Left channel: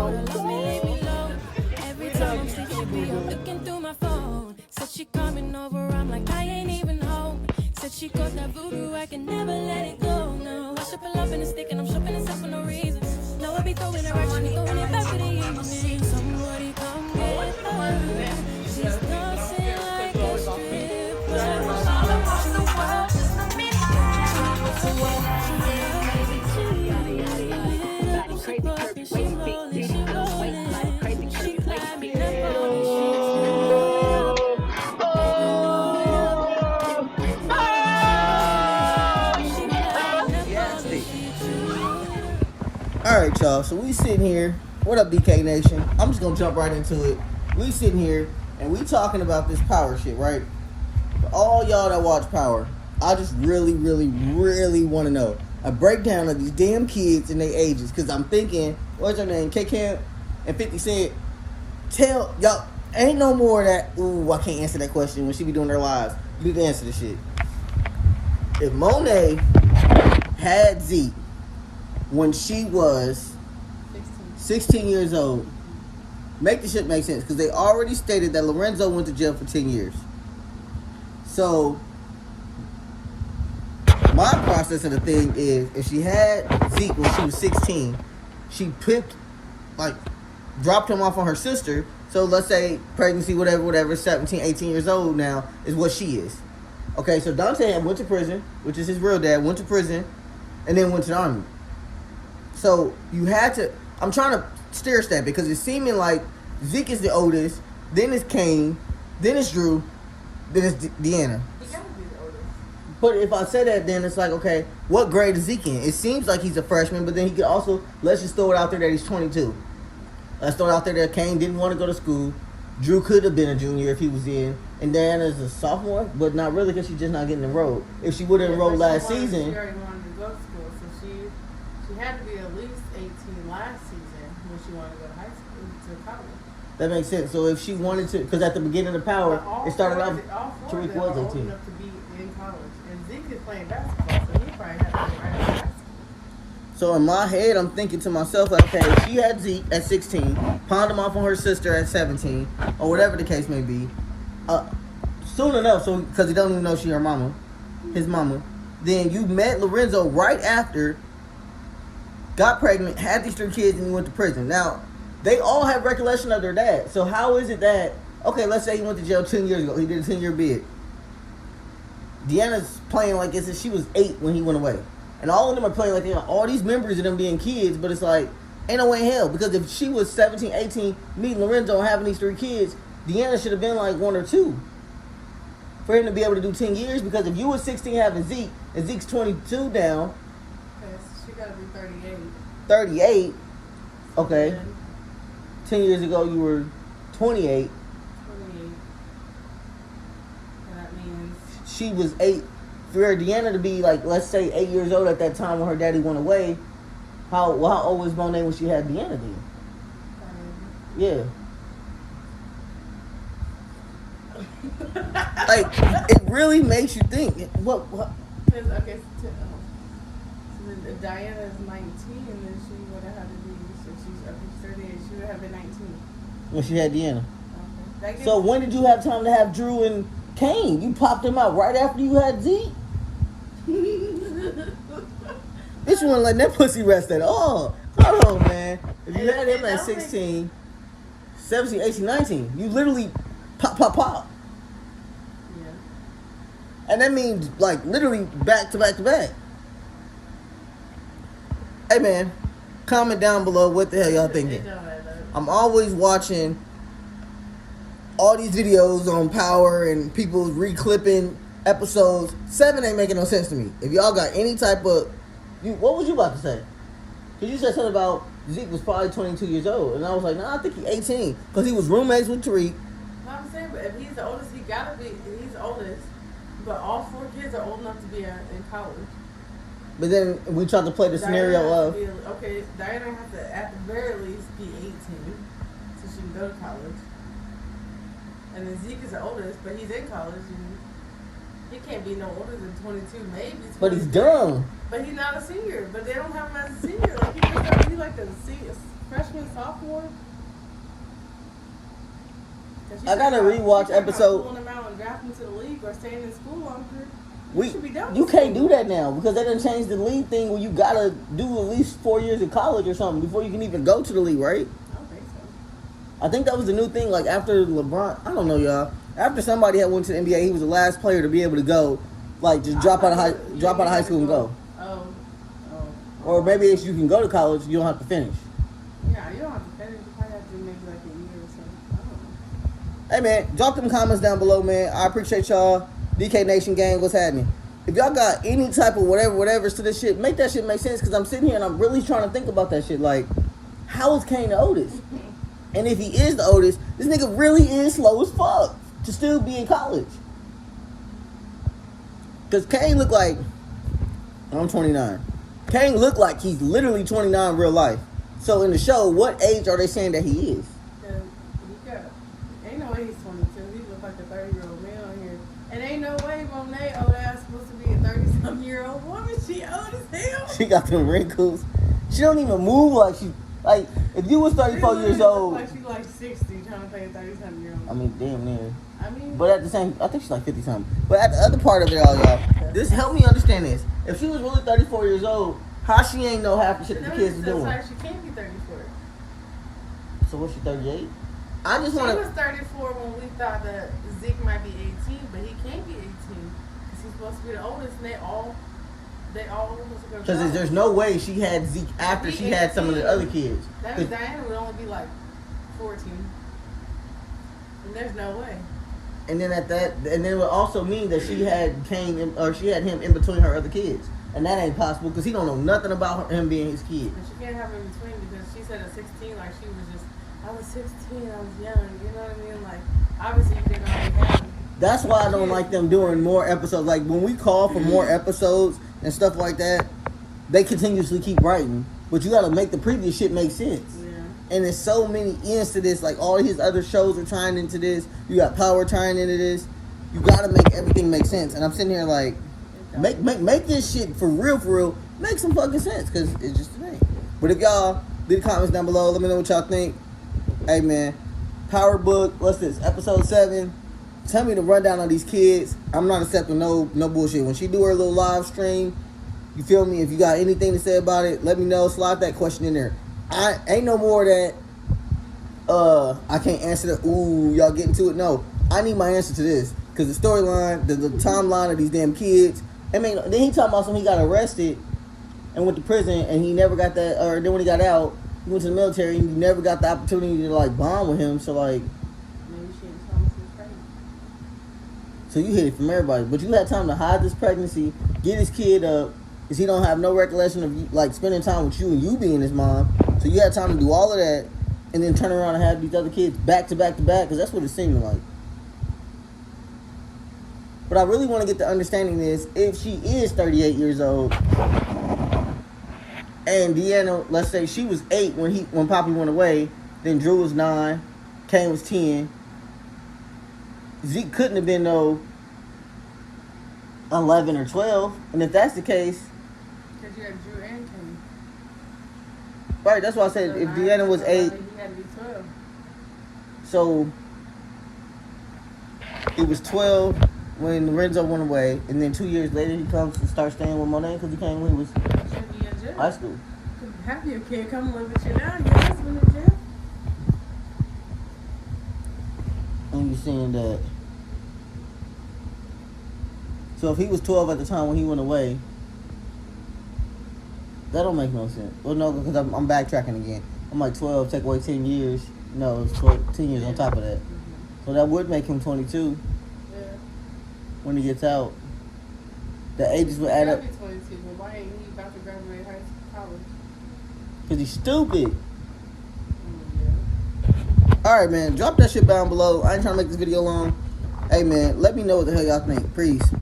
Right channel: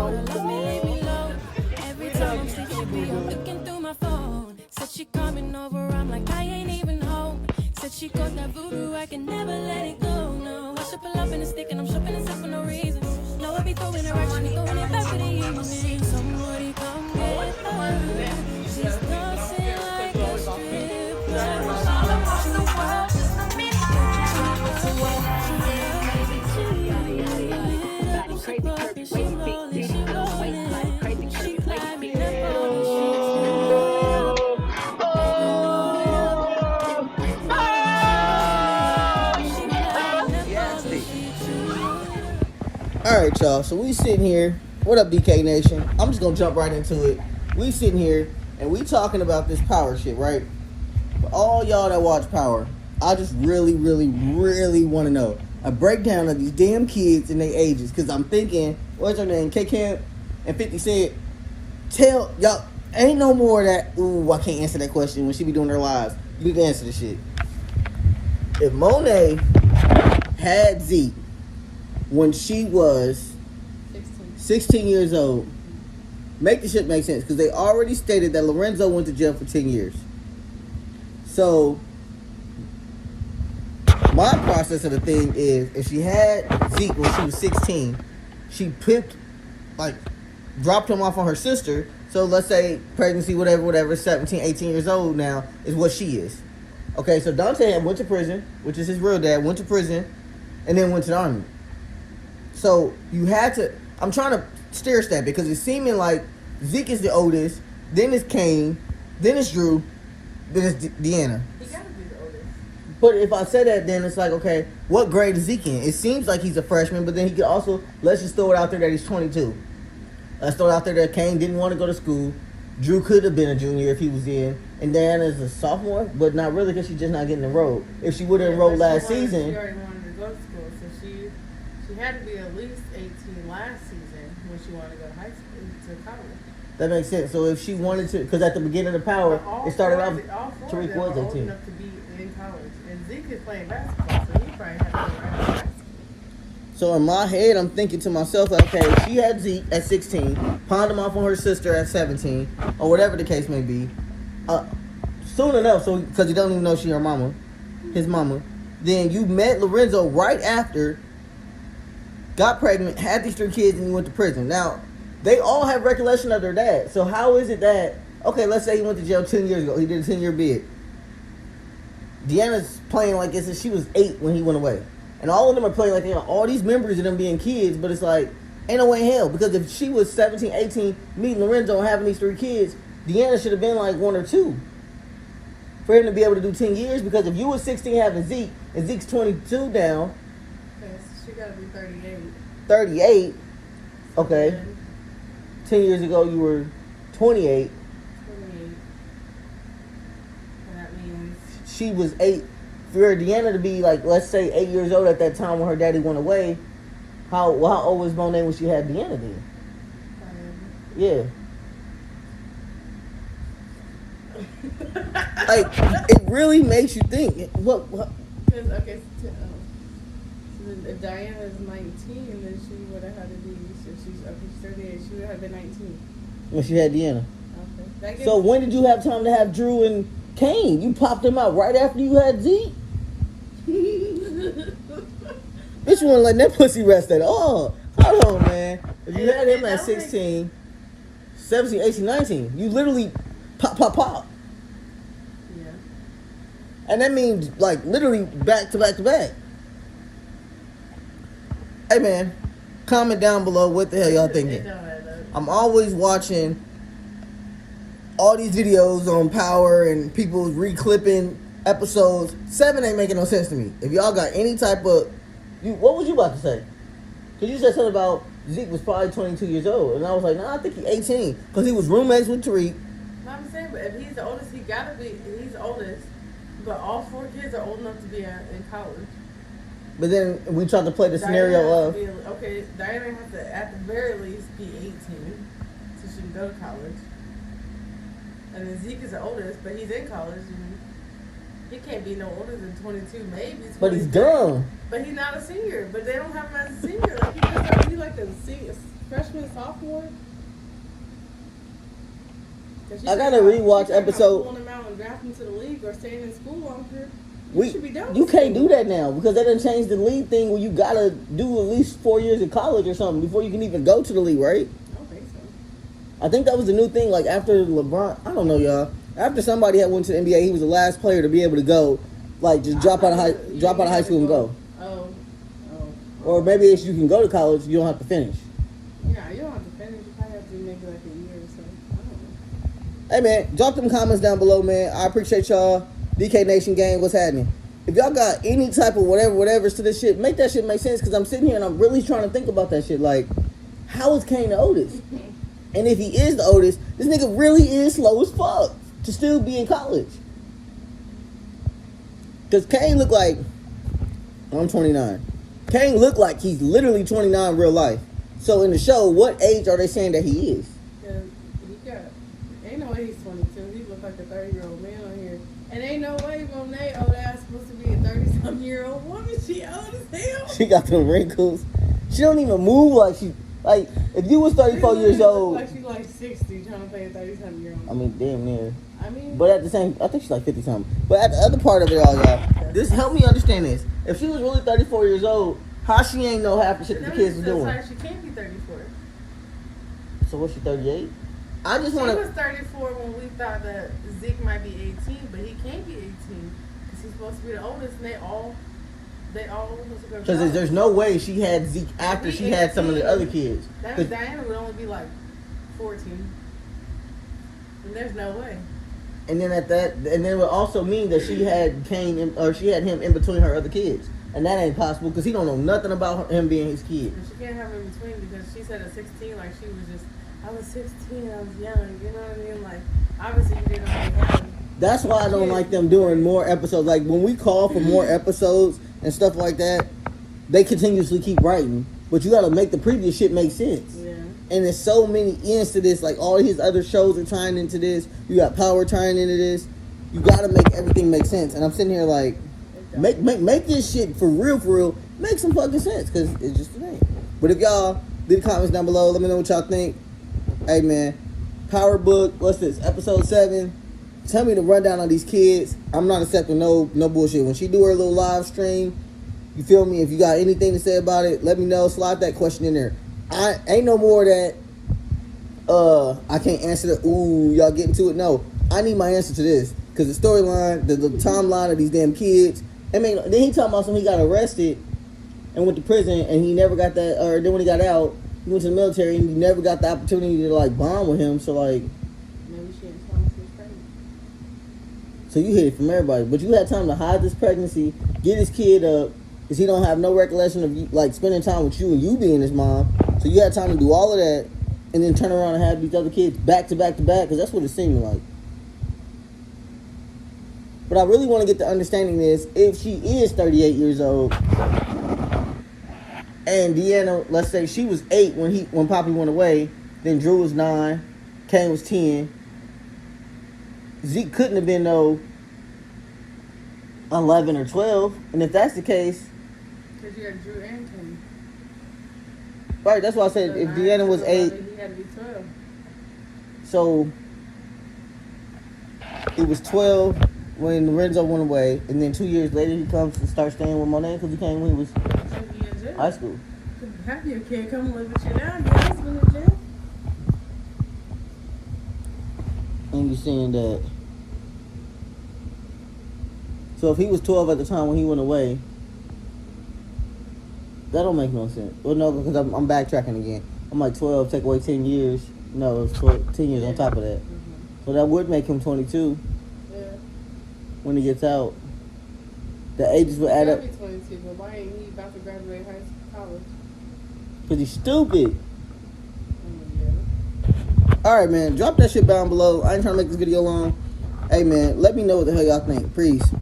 told her love me, leave me alone. Every time I'm sleeping, she be up looking through my phone. Said she coming over, I'm like, I ain't even home. Said she got that voodoo, I can never let it go, no. I should pull up in a stick and I'm shopping and stuff for no reason. No, I be throwing her action, be throwing it back for the evening. Somebody come get her. She's dancing like a Alright, y'all, so we sitting here. What up, BK Nation? I'm just gonna jump right into it. We sitting here and we talking about this power shit, right? All y'all that watch Power, I just really want to know a breakdown of these damn kids and their ages, because I'm thinking, what's her name, KK and 50 Cent, tell y'all, ain't no more of that, ooh, I can't answer that question when she be doing her lives. You can answer this shit. If Monet had Zeke when she was 16 years old, make the shit make sense, because they already stated that Lorenzo went to jail for 10 years. So, my process of the thing is, if she had Zeke when she was 16, she dropped him off on her sister. So let's say pregnancy, whatever, 17, 18 years old now is what she is. Okay, so Dante went to prison, which is his real dad, went to prison, and then went to the army. So you had to, I'm trying to stair step because it's seeming like Zeke is the oldest, then it's Kane, then it's Drew, then it's Deanna. But if I say that, then it's like, okay, what grade is Zeke in? It seems like he's a freshman, but then he could also, let's just throw it out there that he's 22. Let's throw it out there that Kane didn't want to go to school. Drew could have been a junior if he was in. And Diana's a sophomore, but not really because she's just not getting enrolled. If she would have enrolled last season. She already wanted to go to school, so she had to be at least 18 last season when she wanted to go to high school, to college. That makes sense. So if she wanted to, because at the beginning of Power, it started off Tariq was 18. Old enough to be in college. And Zeke is playing basketball, so he probably had to be right in high school. So in my head, I'm thinking to myself, okay, she had Zeke at 16, pawned him off on her sister at 17, or whatever the case may be. Soon enough, so because you don't even know she her mama, his mama. Then you met Lorenzo right after, got pregnant, had these 3 kids, and you went to prison. Now, they all have recollection of their dad. So how is it that, okay, let's say he went to jail 10 years ago. He did a 10-year bid. Deanna's playing like this, and she was 8 when he went away. And all of them are playing like they have all these memories of them being kids, but it's like, ain't no way in hell. Because if she was 17, 18, meeting Lorenzo and having these 3 kids, Deanna should have been like 1 or 2. For him to be able to do 10 years, because if you were 16 having Zeke, and Zeke's 22 now. Yes, she gotta be 38. 38? Okay. 10 years ago you were 28. 28. That means she was 8. For Deanna to be like, let's say 8 years old at that time when her daddy went away, how old was Monet when she had Deanna then? Yeah. Like, it really makes you think. What? Okay, so if Diana is 19, then she would have had to be, so she's up to 38, she would have been 19. When she had Deanna. Okay. So when did you have time to have Drew and Kane? You popped them out right after you had Zeke? Bitch, you weren't letting that pussy rest at all. Hold on, man. If you had him at 16, 17, 18, 19, you literally pop. Yeah. And that means, like, literally back to back to back. Hey, man, comment down below what the hell y'all thinking. I'm always watching all these videos on Power and people reclipping episodes. 7 ain't making no sense to me. If y'all got any type of... what was you about to say? Because you said something about Zeke was probably 22 years old. And I was like, nah, I think he's 18. Because he was roommates with Tariq. No, I'm saying, but if he's the oldest, he's the oldest. But all 4 kids are old enough to be in college. But then we tried to play the scenario of... Okay, Diana has to, at the very least, be 18. So she can go to college. And then Zeke is the oldest, but he's in college. And he can't be no older than 22, maybe 22. But he's dumb. But he's not a senior. But they don't have him as a senior. Like, he like a freshman, sophomore. I gotta rewatch episode. Pulling them out and draft them to the league or staying in school longer. You can't do that now because they done changed the league thing where you gotta do at least 4 years of college or something before you can even go to the league, right? I don't think so. I think that was the new thing. Like after LeBron, I don't know, y'all. After somebody had went to the NBA, he was the last player to be able to go, like just drop out of high school and go. Oh. Or maybe if you can go to college, you don't have to finish. Yeah, you don't have to finish. You probably have to do maybe like a year or something. I don't know. Hey man, drop them comments down below, man. I appreciate y'all. DK Nation gang, what's happening? If y'all got any type of whatever's to this shit, make that shit make sense. Because I'm sitting here and I'm really trying to think about that shit. Like, how is Kane the oldest? And if he is the oldest, this nigga really is slow as fuck to still be in college. Because Kane look like, I'm 29. Kane look like he's literally 29 in real life. So in the show, what age are they saying that he is? Ain't no way he's 22. He look like a 30-year-old man on here. And ain't no way Monet old ass supposed to be a 30-something-year-old woman. She old as hell. She got them wrinkles. She don't even move like she, like, if you was 34 years old. Like she's like 60 trying to play a 30-something-year-old. I mean, damn near. I mean. But at the same, I think she's like 50-something. But at the other part of it all, y'all, this help me understand this. If she was really 34 years old, how she ain't know half the shit that the kids was doing? She can't be 34. So what's she, 38? I just want She to. was 34 when we thought that Zeke might be 18, but he can't be 18 because he's supposed to be the oldest. And they all supposed to go. Because there's no way she had Zeke after she had some of the other kids. That was Diana would only be like 14. And there's no way. And then it would also mean that she had she had him in between her other kids, and that ain't possible because he don't know nothing about him being his kid. And she can't have him in between because she said at 16, like she was just, I was 16, I was young. You know what I mean? Like obviously you didn't really have him. That's why I don't like them doing more episodes. Like when we call for more episodes and stuff like that, they continuously keep writing, but you got to make the previous shit make sense. Yeah. And there's so many ends to this. Like all his other shows are tying into this. You got Power tying into this. You got to make everything make sense. And I'm sitting here like, make this shit for real. Make some fucking sense because it's just a thing. But if y'all leave the comments down below, let me know what y'all think. Hey man, Power Book. What's this? Episode 7. Tell me the rundown on these kids. I'm not accepting no bullshit. When she do her little live stream, you feel me? If you got anything to say about it, let me know. Slide that question in there. I ain't no more of that. I can't answer that. Ooh, y'all getting to it? No, I need my answer to this because the storyline, the timeline of these damn kids. I mean, then he talking about something he got arrested and went to prison and he never got that. Or then when he got out, he went to the military and he never got the opportunity to like bond with him. So like, Maybe she didn't tell him she was pregnant. so you hid it from everybody, but you had time to hide this pregnancy, get his kid up, because he don't have no recollection of you, like spending time with you and you being his mom. So you had time to do all of that, and then turn around and have these other kids back to back to back, because that's what it seemed like. But I really want to get the understanding is, if she is 38 years old, and Deanna, let's say she was 8 when Poppy went away, then Drew was 9, Kane was 10. Zeke couldn't have been no 11 or 12, and if that's the case, Because you had Drew and Kane. right, that's why I said So if 9 Deanna was 8, He had to be 12. so it was 12 when Renzo went away, and then 2 years later he comes to start staying with Monet because he came when he was Should be in jail. high school. Have your kid come live with you now. Your husband in jail. And you're saying that. So if he was 12 at the time when he went away, that don't make no sense. Well, no, because I'm backtracking again. I'm like 12, take away 10 years. No, it's 10 years on top of that. Mm-hmm. So that would make him 22 Yeah. when he gets out. The ages would add up He'll be 22, but why ain't he about to graduate college? because he's stupid. Mm-hmm. All right, man. Drop that shit down below. I ain't trying to make this video long. Hey, man, let me know what the hell y'all think. Peace.